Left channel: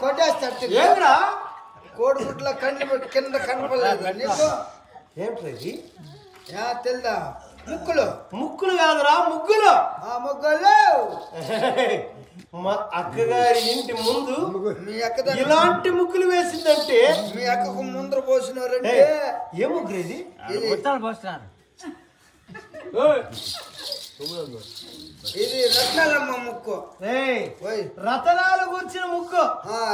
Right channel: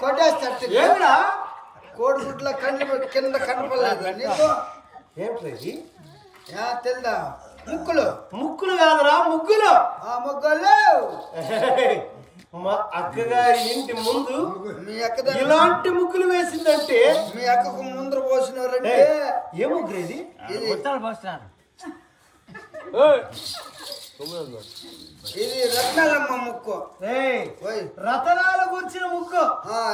కొట్టేస్తా కోడిగుడ్ల కండ్లు కింద కనపడలేదు నీకు ఏమిటి తెలుదా ముక్కులు ముక్కులు కాదురా ముగ్గులు ముగ్గులు మా అక్కగారి ఇంటి ముందు మీ అక్క ఇలాంటి ముగ్గులు వేసిందంటే మీ అక్కకు ముందర పోసినారంటే ఏ ముగ్గు ఇది ఇది రత్నాలమ్మ ముక్కు రతనాలు కూర్చిన ముగ్గు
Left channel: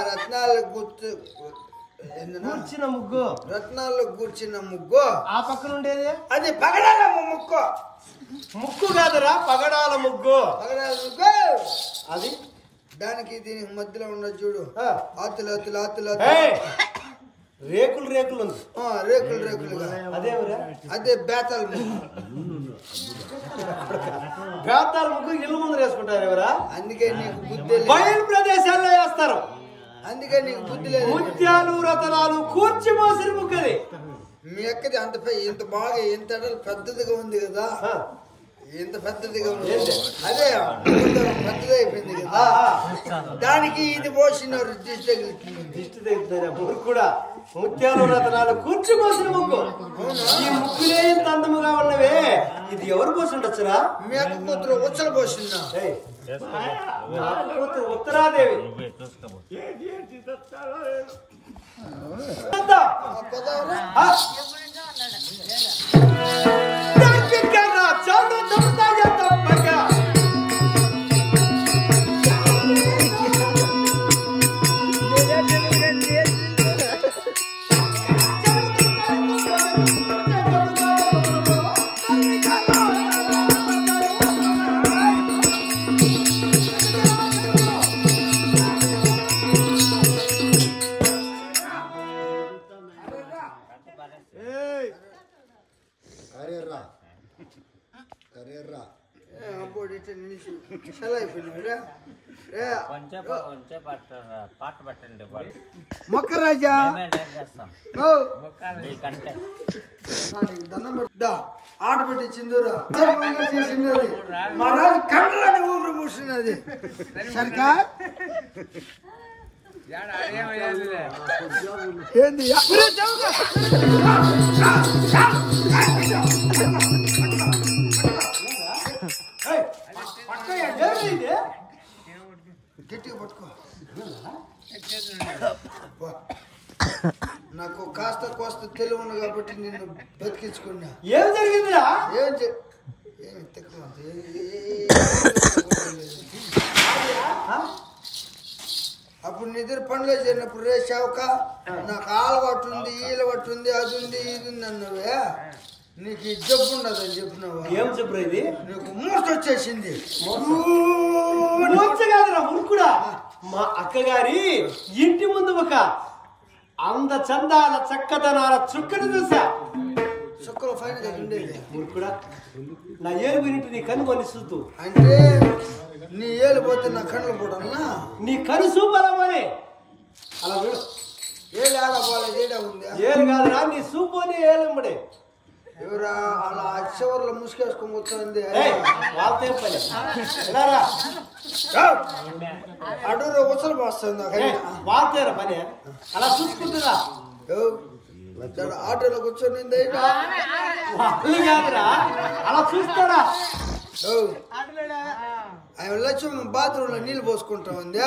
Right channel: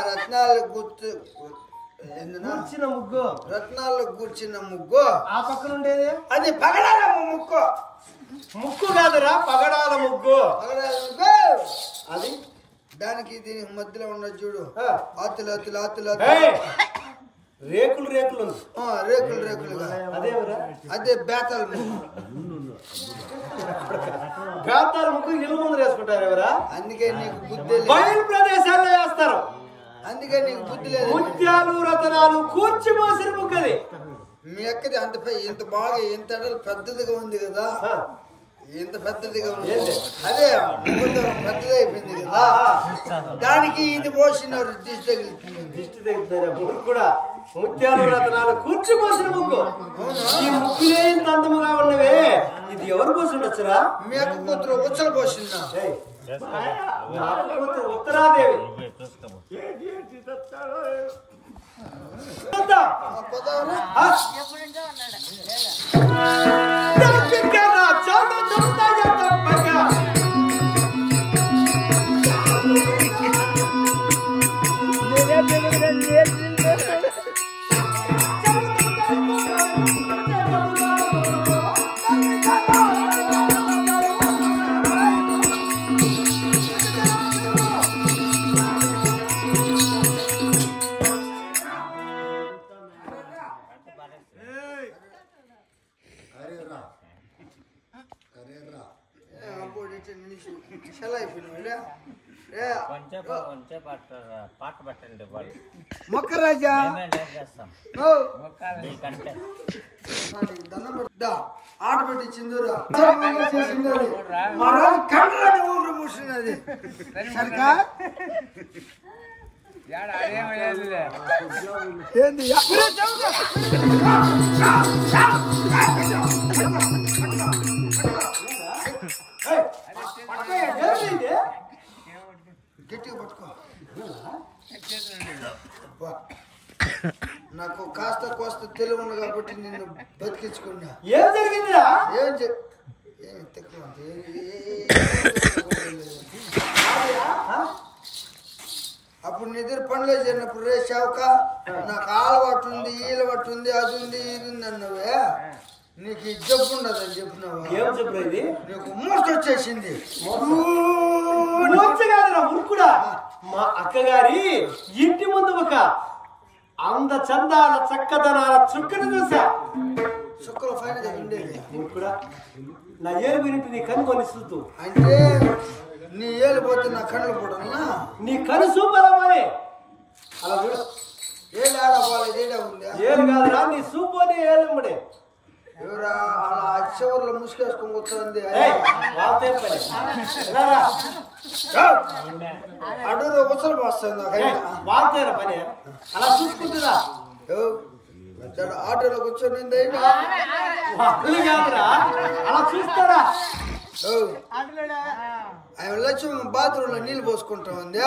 రత్నాలు కూర్చిన ముగ్గు రత్నాలు కూర్చిన ముగ్గు ఆ పక్కన ఉండేది అది పగడాలమ్మ ముక్కు ముక్కు కాదురా పగడాల ముగ్గు పగడాల ముగ్గు అది దానికి దీనికి మధ్యలో ఉన్న చూడు ఆతులు ఆతులు ఆతులు రేకులు రేకులు ఉంది రేకులు రేకులుగా అదేమిరా అదే బేతాల ముగ్గు బేతాల ముగ్గు ఇల్లు ముందు వేసుకుంటారు ఎవరా అందుకే నీకు బుద్ధి బయలు ప్రదేశాల్లో వేస్తారు అందుకే నీకు బుద్ధి లేదు ముత్యాలు రతనాలు కూర్చిపోసిన ముగ్గది మీ అక్కది అంత ఇంత బాగా ఇంత పెద్దదిగా ఉంది కదా ఇంత పెద్దదిగా ఉంది అదే పెద్దది అయిపోయింది కదా దానికి ఇది పోసినారు దిష్టి తగులుతుంది దిష్టి తగులుతారా ముగ్గు కూడా ముత్యాలు రతనాలు కూర్చిపోసిన ముగ్గు ఈ ముగ్గులే ఇంత అందముగా ఉన్నవే ఇది ఎవరు పోసి ఉండొచ్చురా మీ అక్క కూతురు ఉచ్చలు పోసిందా కూతురు ఉత్తరాదేవి మొక్కరాజా ఆట పెట్టి చిందూరా చేసినది మరో కండ్లని ఊరు మూసినది సరికా ఏంది గట్టిగా పట్టుకో నాకు కాస్త కోస్త తెలివి ఉంది కాబట్టి నిన్ను బతికించుకున్నా ఏం జరిగిందిరా ఏమి తక్కువ అప్పుడు నిద్ర పనిలో చేరినప్పుడు రే చౌక నాకు అలవాటు ఉంది ఈలవాటు ఉంది అది ఉంది ఇది ఉంది అన్నవే నీకు ఈ జబ్బు ఉండదు అని చెప్పినావా ఏం చెప్పు ఇది నీకు మూర్తి వచ్చేసింది మురుకుడా మా అక్కగారి ఇంటి ముందు ఒక అంద చందాల చక్కదనాల చుక్కను చూసా చుక్కల ఫైన్ ఉండేది మురుకుడా నా ఏలు వినిపి నీ కన్ను కొనిస్తూ అంటే నీ ఏలు పోతే నా కళ్ళు పోవడన్నా నీ కను చూపలమని అలా చూడు వాళ్ళది ఏడా ఉంది ఏం కాదురా నీ సూపోని ఏలంబడి ఎవరా అలా చివర్లో ముసుకేసుకొని కూర్చోంది వాళ్ళతో పని ఎలారా అడూరు ఉసలు పోస్తుంది వాళ్ళతోరా పని అలా చూసుకుంటురా ఆటోలో కూర్చొని వాళ్ళు కాదురా అలా చూస్తారా ఆయన లక్ష్యం బాత్రూమ్ లో నీళ్లు పోసుకుంటా ఉంది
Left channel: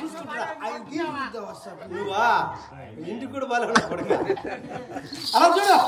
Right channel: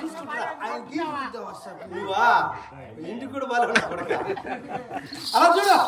చూసుకుంటారా ఆయన గీత వస్తాడు నువ్వా ఇంటికి కూడా బాగా కొడక అలా చూడు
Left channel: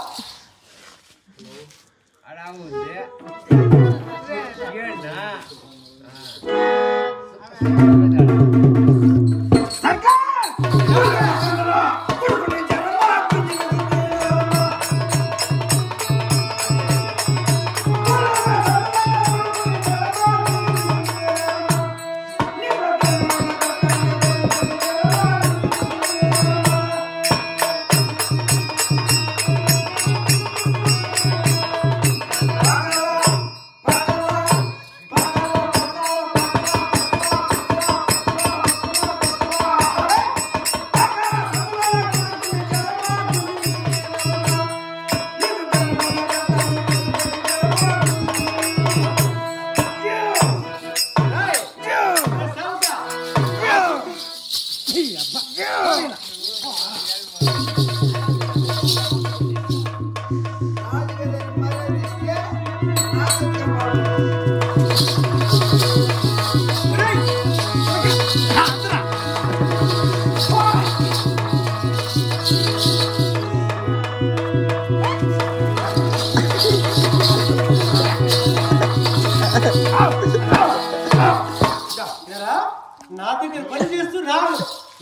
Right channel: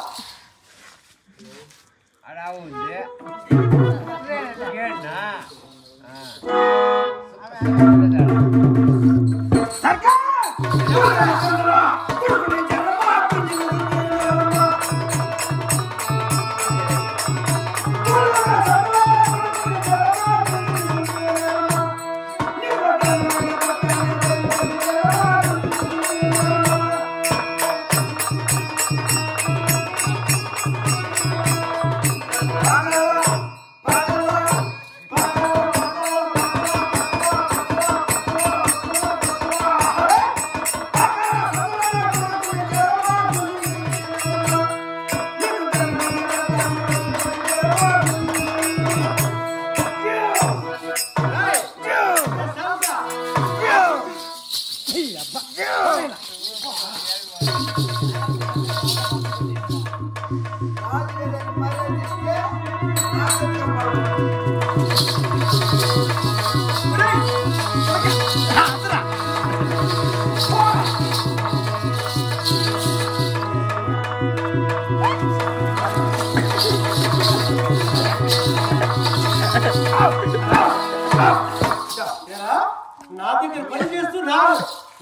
నా దగ్గర పని చేస్తూ రాడు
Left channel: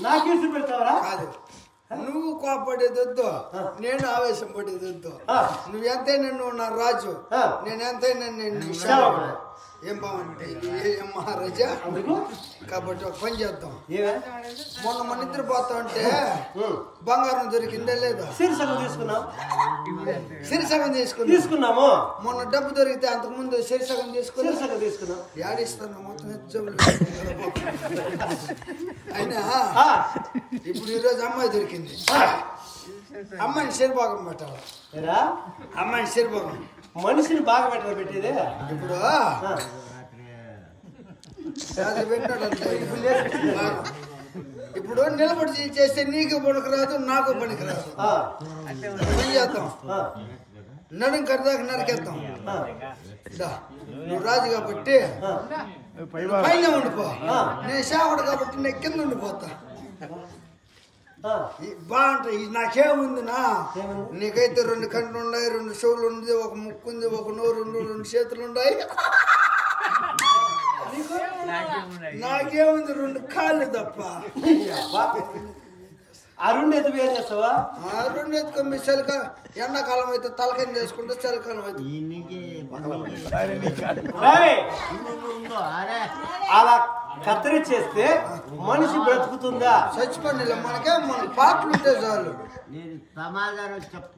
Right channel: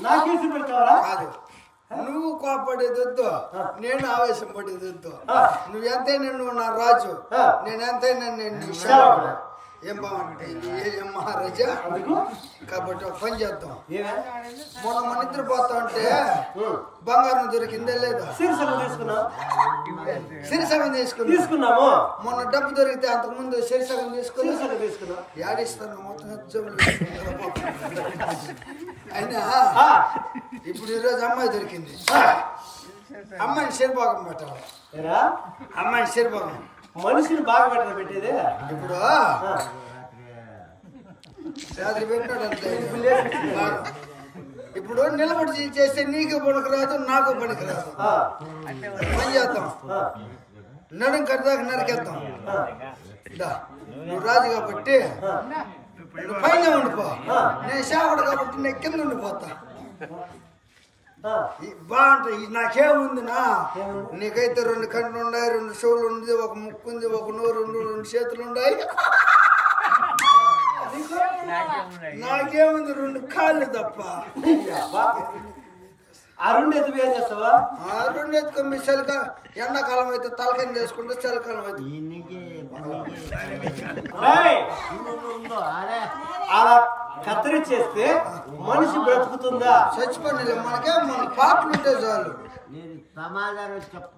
నాకేసి పెడతావరా కాదు నువ్వు కోపడేది వద్దు నేను ఆవేశం పడేది వద్దు నువ్వు ఎంతైనా నువ్వు నా రాజు నేను ఎంతైనా నేను ఏం బాగుంటే ఏం మహారాజా కాబట్టి ఒక పని చేద్దాం మొన్న మన ఇద్దరు పోతా ఉంటే బంగారం దొరికిందే లేదా సిరిసగం తీసుకున్నాము మొన్న డబ్బు దొరికితే అంతకు ముందు సిరిసగం తీసుకున్నాం యాడిస్తాను మొత్తం అయినా ఇప్పుడు ఈరోజు అమ్మాయి దొరికింది అమ్మాయిని శరిభాగం పెట్టాలి అమ్మాయిని శరిభాగం మనిషిని బాగా పెట్టాలి పెట్టేదే ఇప్పుడు రాత్రి పెట్టాడు అంతే ఇప్పుడు నిలబడి చేస్తే నీకు పనికిరాదు నాకు పనికిరాదు పని చేద్దాం నడుం కడదాకా నరికేద్దాం నువ్వు రాజు కాబట్టి నువ్వు పైన ఉండిపో నేను శావుడు కాబట్టి నేను కింద ఉండిపోతా బాగుంటాయి నాకేముందినా నీకైతే 2 కండ్లు ఉన్నాయి 2 చెవులు ఉంది ఒక ముక్కు ఉంది ఒక నోరు 2 చేతులు ఉన్నాయి నాకేముంది 2 కాళ్ళు తప్ప ఆ 2 ఎత్తు ఏం చేస్తావా ఆ 2 ఎత్తుకొని చలికాల ఎండాకాలం అయితే తలకాయ చేసుకుంటే చలికాలం అయితే అలా కత్తిరించేస్తే మనిషి బ్రతుకుతుందా చచ్చిపోయిన మనకే మన పాటలు ఉంటే చాలు సమాధానం చెప్ప